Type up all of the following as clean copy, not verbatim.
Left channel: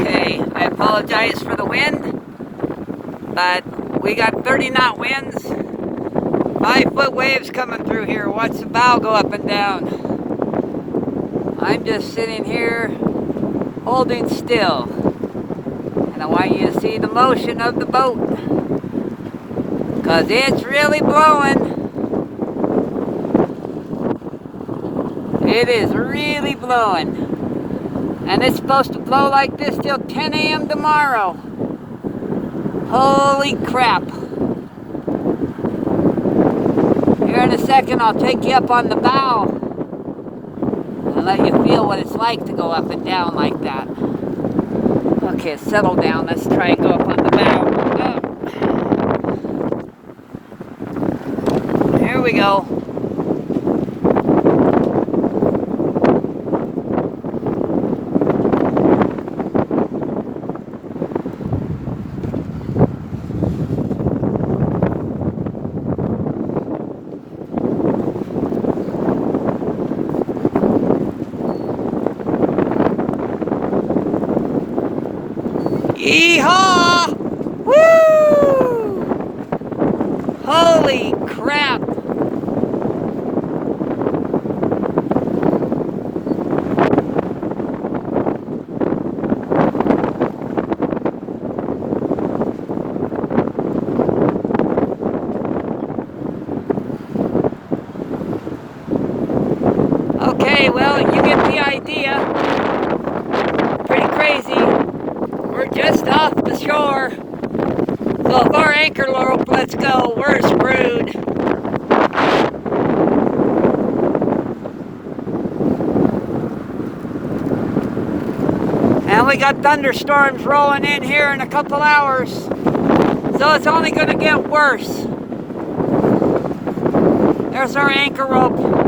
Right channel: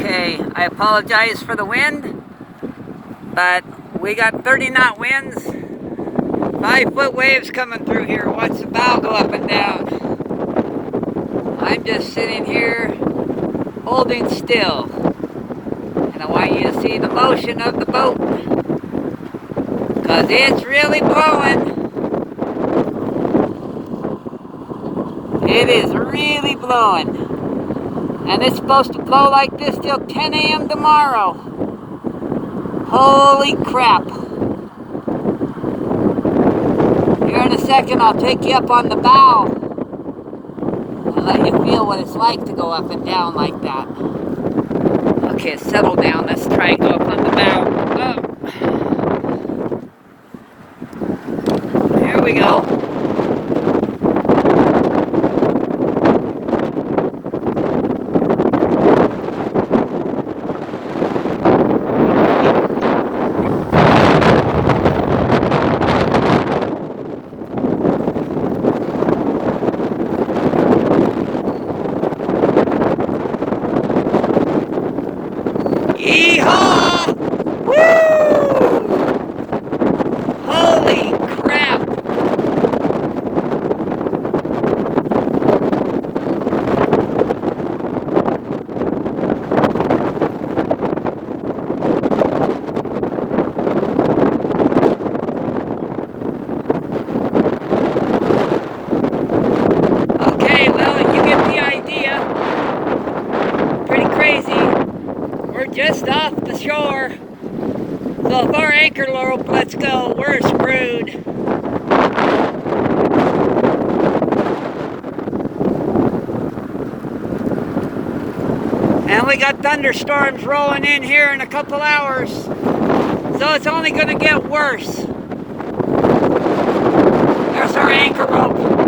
Okay, I apologize for the wind, but we got 30-knot winds, 5-foot waves coming through here. Watch the bow go up and down. I'm just sitting here holding still, and I want you to see the motion of the boat, because it's really blowing. It is really blowing. And it's supposed to blow like this till 10 a.m. tomorrow. Holy crap. Here in a second, I'll take you up on the bow and let you feel what it's like to go up and down like that. Okay, settle down. Let's try and go up on the bow. Oh. Here we go. Yeehaw! Woo! Holy crap! Okay, well, you get the idea. Pretty crazy. We're just off the shore, so if our anchor rope lets go, we're screwed. And we got thunderstorms rolling in here in a couple hours, so it's only going to get worse. There's our anchor rope.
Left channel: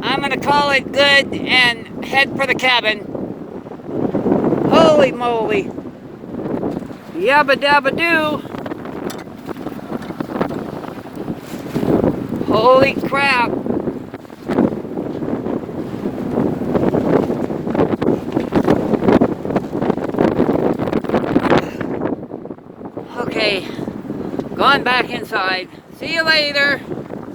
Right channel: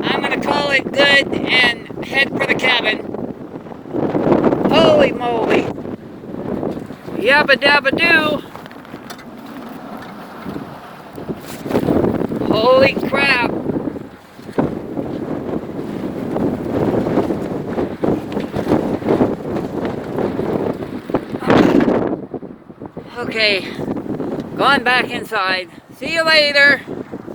I'm going to call it good and head for the cabin. Holy moly. Yabba dabba doo. Holy crap. Okay, going back inside. See you later.